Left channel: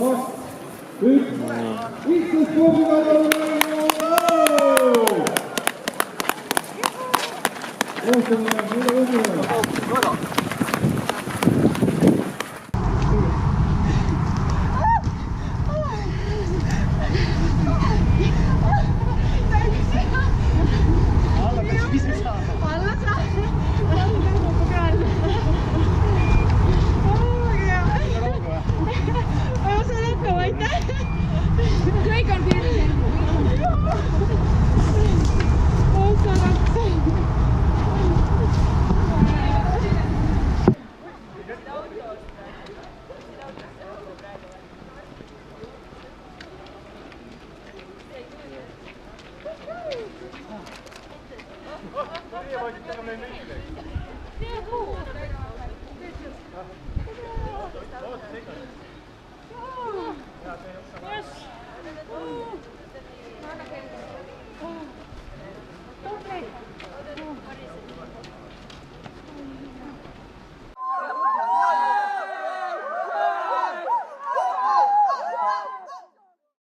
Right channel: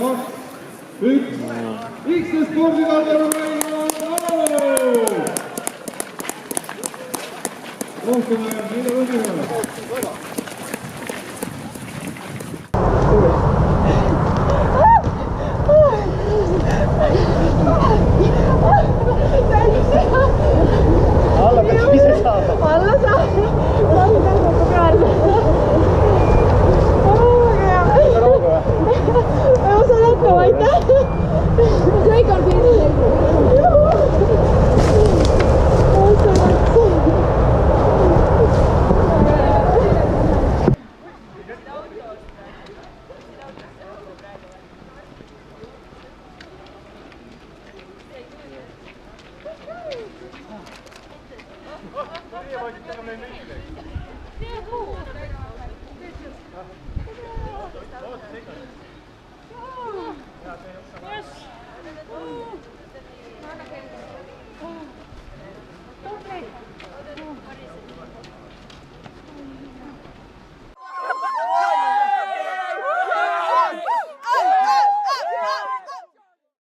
üks, X-e spordikalal rohkem jääb, mida võtame? Alla peaks ise saada. Alla saada. Lasi tõmbab peale. Väga hea. Rauga või? Ma saan hakkama, aitäh. Kõik on piiril. Meie vaikid tegema neid.